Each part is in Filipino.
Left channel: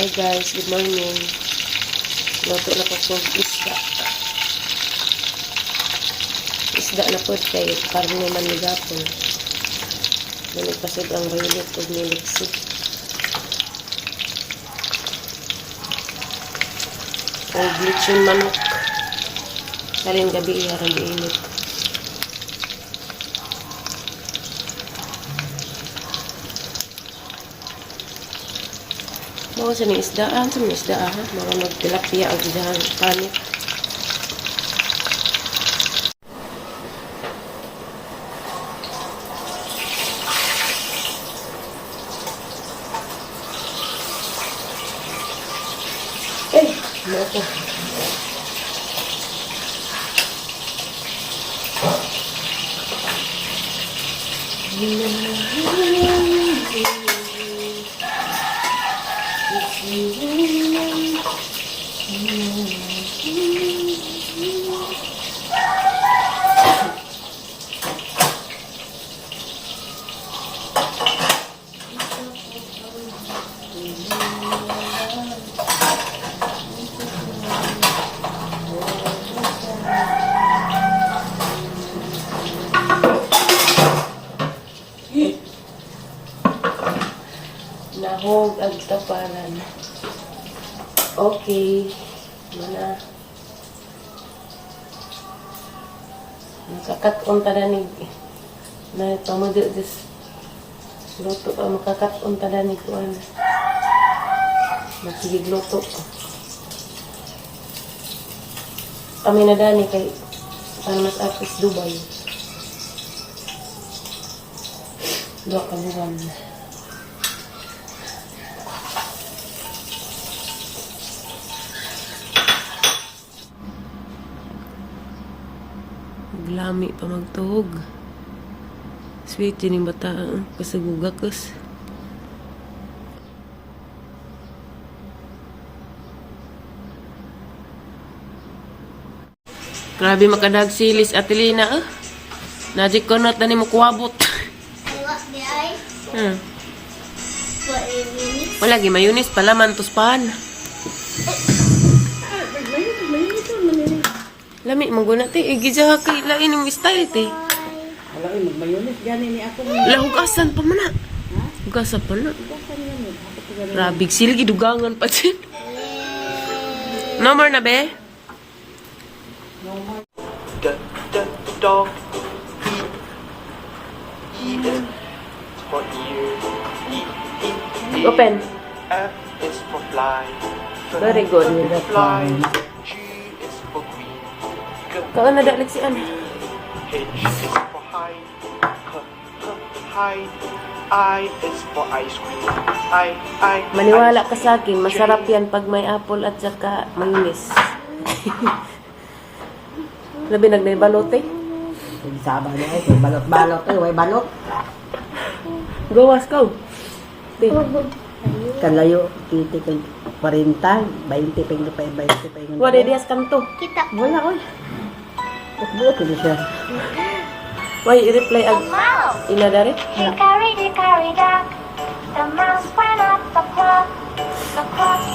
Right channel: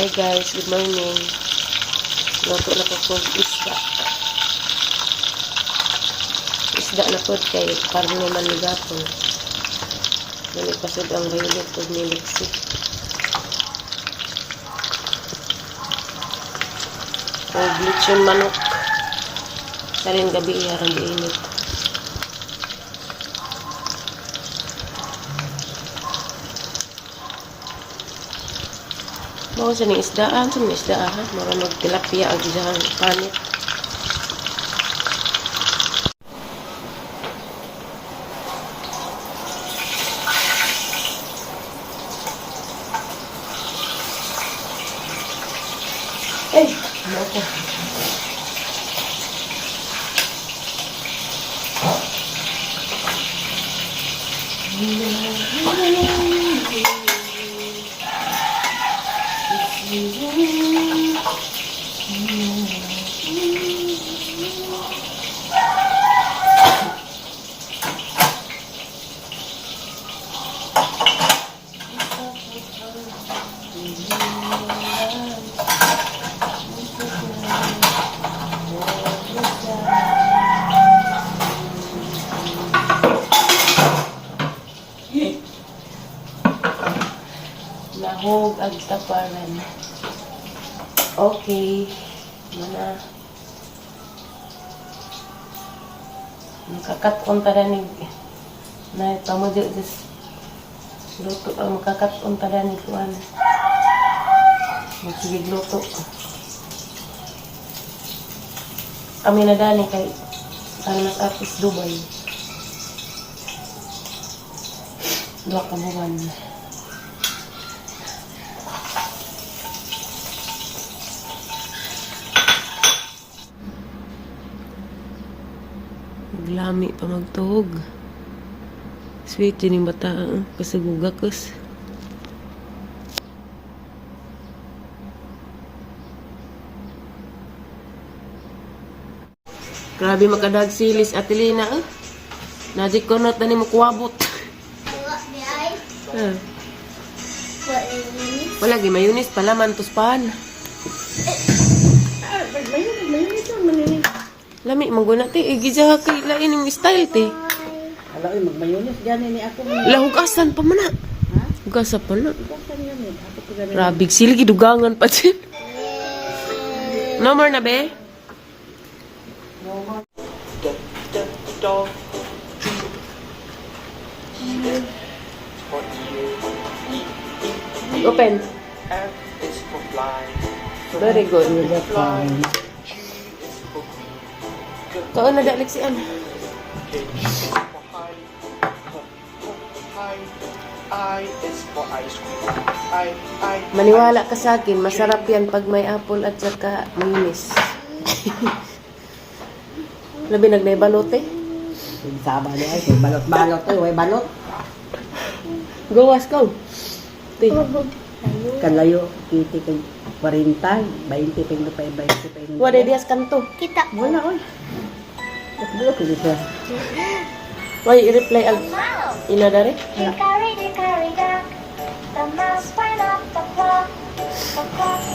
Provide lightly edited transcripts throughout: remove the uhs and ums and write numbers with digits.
Hi guys, good morning. Luto na po kong isda. Isda na po kay parang naman ni Gapon. Nanipasod ang violet o niliksi. O glitchon manok. Salin gabi iharang diinit. Bawa sa ning isdaan, sa ning isdaan, mga magtilapia ang isdaan panit. Ano ko? Nahog ag tapanan. Okay. Mana makakat-on tada ni na pamudyo des luto makakat-on tada ni tuan. Magsigig luto. Kami na dani kay ang mas artist Dubai. Dua ka buwan. Lami pa magtuhog. Sweet din yung bata. Kasagugakos. Grabe makadag silis atilina. Najik ko not na ni mo kuwabot. Wala gi mayunis pala mantuspan. Lami mangguna ti igija kay lain yung style ti. Ala ay magmayones gani ni ako. Lahugasan pa man na. Ha? Hugasan pa na. Hugasan gani. Ako pa gani. Rabig silgi dugangan pa din. No more na be? No more. Dog. E is for ear. Open. F is for fly. Very good. Fly. G is for green. Kaan na dalik si Anne. H is for high. High. I is for ice cream. I. Maniwala ka sa akin, masarap yan pag may apple at saka manis. Labi nagnay-balot eh. Saba ni ay balot-balot ay way balot. Gawas ka. Di. Kalayo kiti kay 40, 20 peng 20 Wala dias kanto. Wala oy. Buot ni siya. Why i-reply ag ila dare? Hickory dickory dock, the mouse went up the clock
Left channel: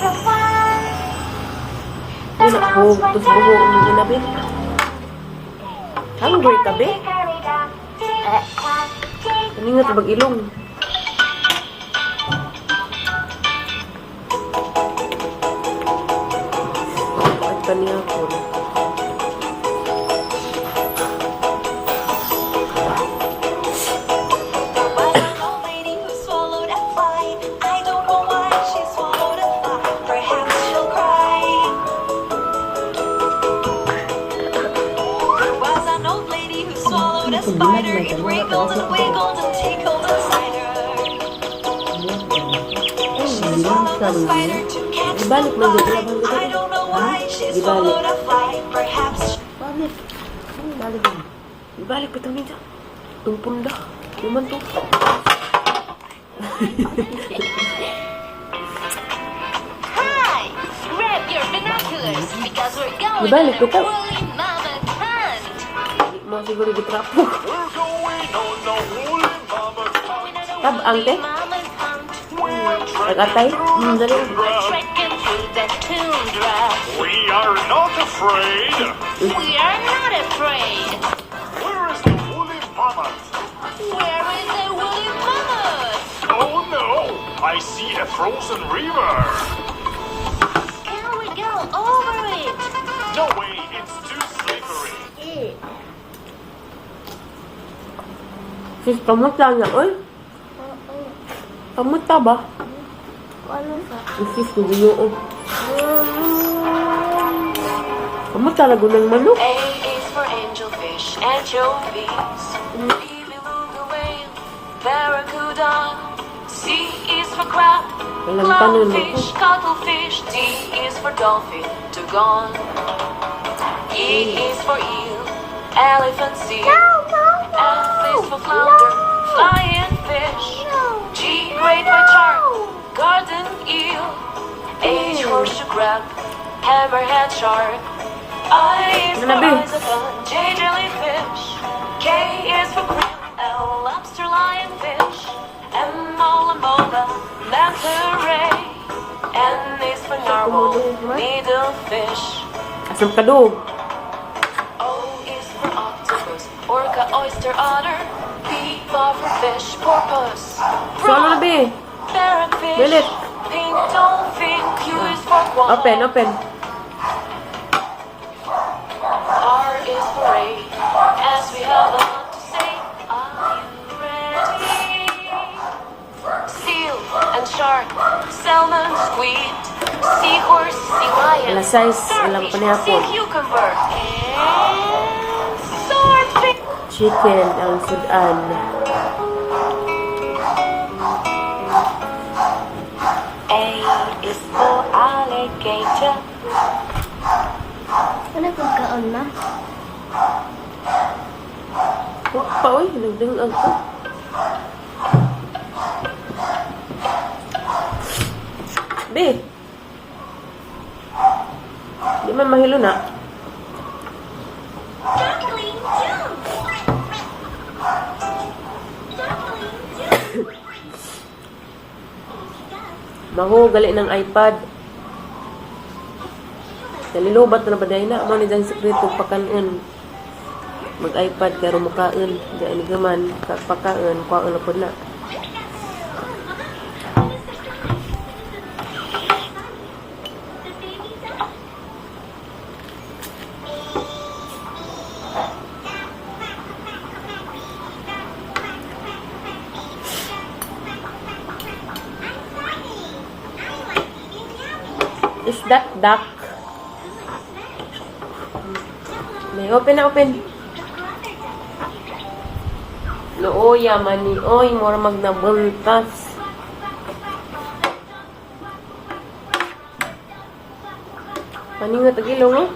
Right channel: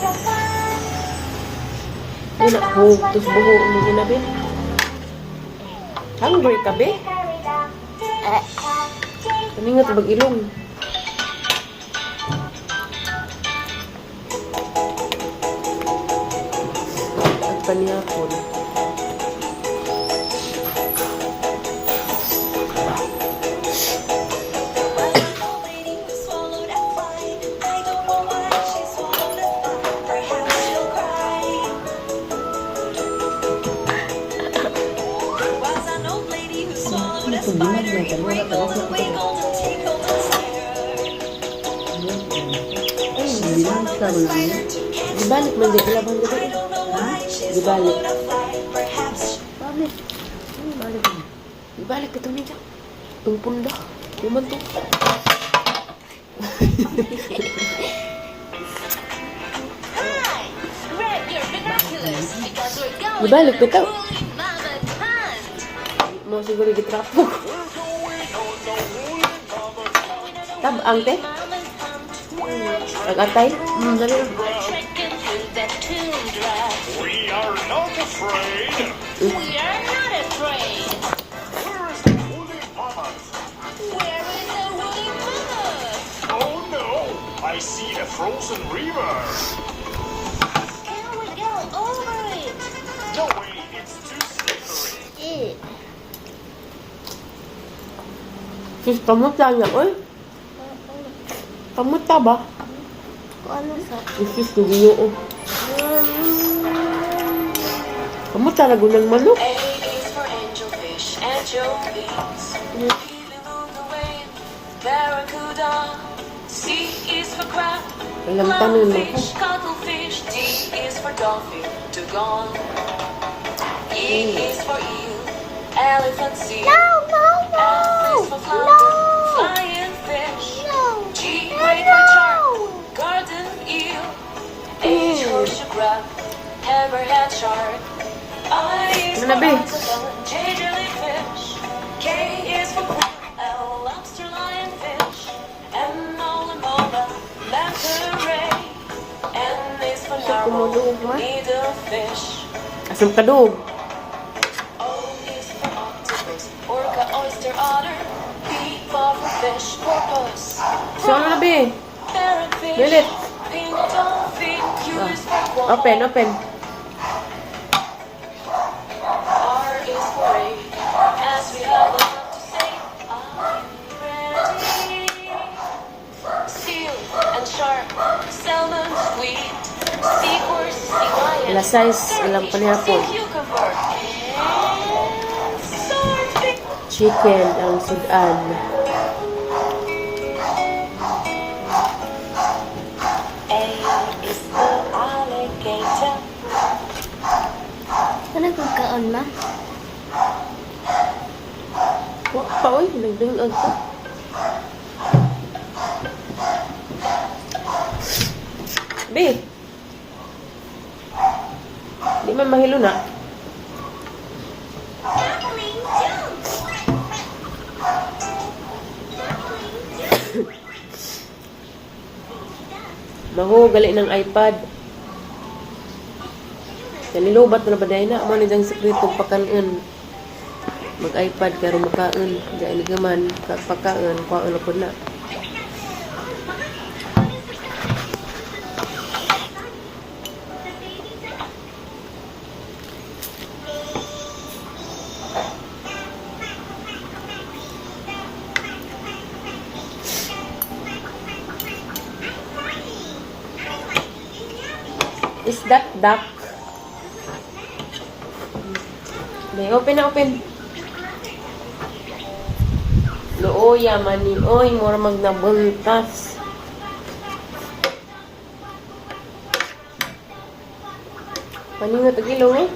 rewind. Wala ko tus buho ni inabin. Hungry ka be? Hickory dock, Kaningat bag ilong. At paniyapon. Dibalik mo dito lang dito. Dibalik. Dibalik ito nito. Ang punda. Luman to. Hi! Grab your binoculars because we're going Dibalik ito. Mama Hunt! Mo siguro gitrapo. Tab angke? Nag-atay? Treasure are not afraid. We are not afraid. Where is the woolly mammoth? Where is the woolly mammoth? Oh no, I see a frozen river. Can we go over it? No way, it's too slippery. Sis, kamot lang yan. Uy, kamot ta ba? Sis, tugiyo. Oh. Kamot ta na gunang manok. A is for angelfish, anchovies. B beluga whale, barracuda. C is for crab, Walang tanong mo. clownfish, cuttlefish. D is for dolphin, dugong. E is for eel, elephant seal. F is for flounder, flying fish. G great white shark, garden eel. H horseshoe crab, hammerhead shark. I is for Nabi. icicle, J jellyfish. K is for krill, L lobster lionfish. M mola, manta ray. N is for narwhal, needlefish. Asam kadug. O is for octopus, orca, oyster, otter. P pufferfish, porpoise. So, ano na, be? Parrotfish, Bilit. pink dolphin. Q is for koala. Open, open. R is for rain, as we have a lot to say. Are you ready? Seal and shark, salmon, squid, seahorse, sea lion, Alas 6, ilang sea panihapon. cucumber, and swordfish. Chicken ang sudan. A is for alligator. Ano pagkaon ma? Wak pa, uy. Nagdungag pa. Be. Di man mahilo na. Duckling jump! Duckling jump! Maho, gali ng iPad. Kalilobat na ba dahil na? Ano ni dyan sekreto pakanon. Mag-iPad karo makain. Diyan ni gaman. Pakaon. Kuhaan na po na. Is that duck? May open na open. Looya man ni oy mura magnabuntas. Paningot ag ilong oh.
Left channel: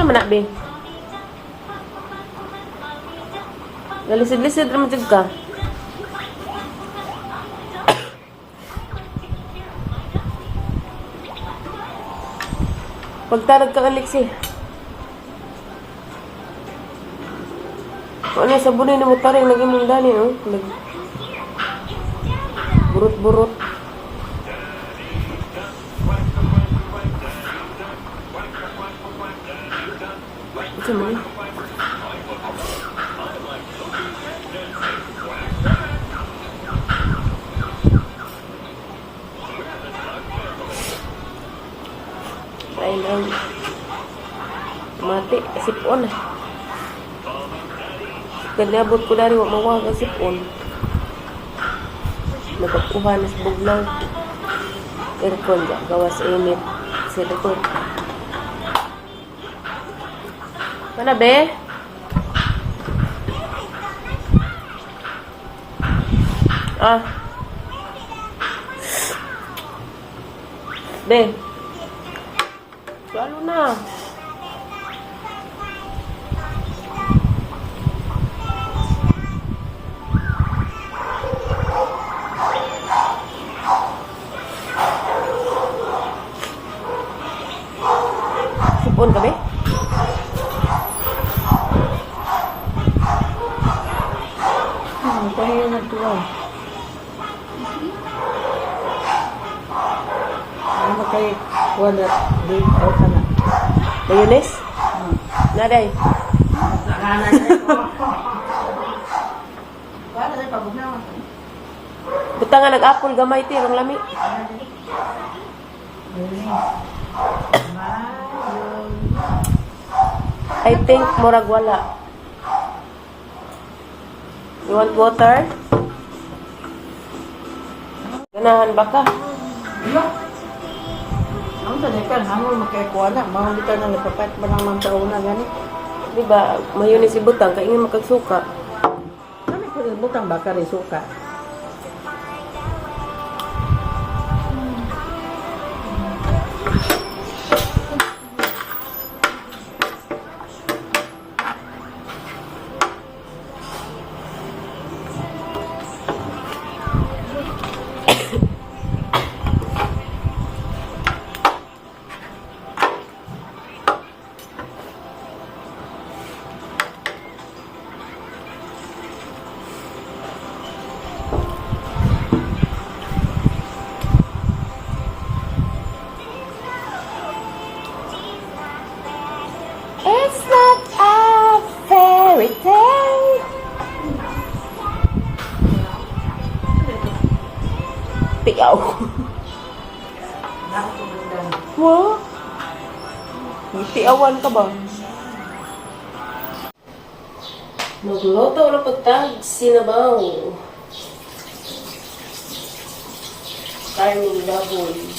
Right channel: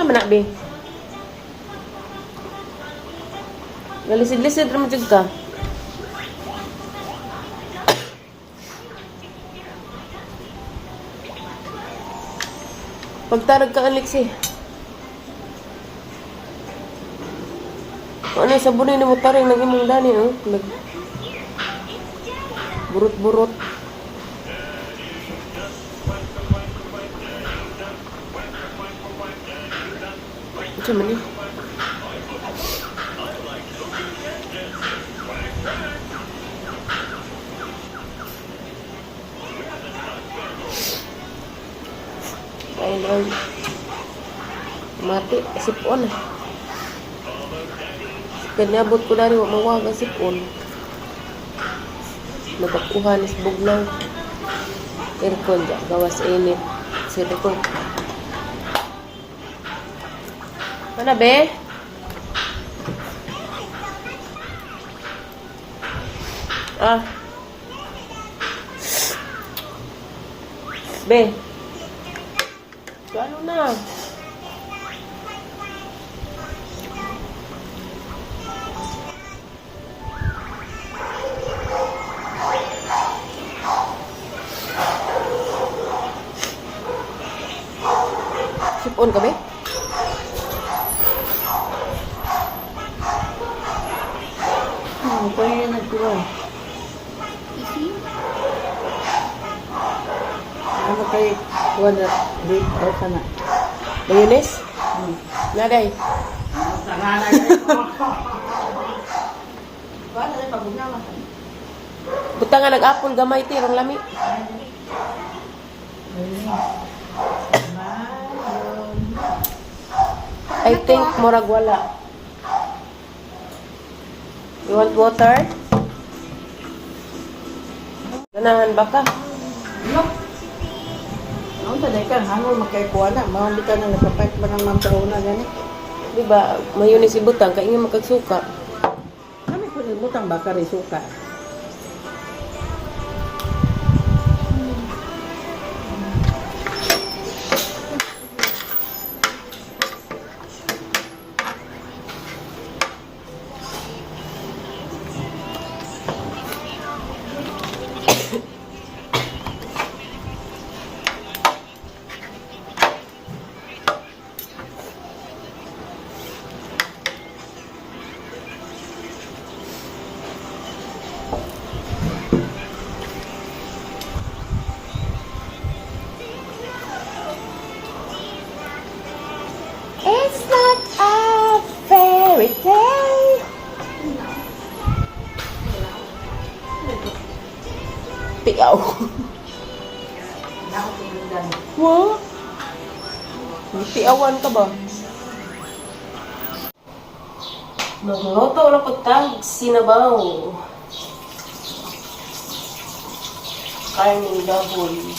Ano man na, be? Galisid-lisid naman dyan ka. Pagtarag ka, Alexi. Ano yung sabunin na mo taring nag-imong dani, oh? Burot-burot. Ito man eh. Ay lang. Mati, sipon eh. Kanyabot ko dari, wak mawaga sipon. Nagkakuha na sa bugnaw. Aircon, gawas init. Sa aircon. Mana be? Be. Lalo na. Sipon ka, be? Ito yung nagtuwa. Ano kayo? Wala. Late out ka na. Mayonnaise? Naday. Wala na pagugnawa. Buta nga nag-apon gamay ti ang lami. I think murag wala. You want water? Ganahan ba ka? Ang tanay ka, hangol makaikuha na. Mahal ka na nasapat ba ng mantauna gani? Di ba, mayonnaise si butang, kaingin makagsuka. Kami ko rin butang baka rin suka. It's not a fairy tale. Piyaw. Wow. Piyawan ka ba? Magluto na pagtag sinabaw. Karning baboy.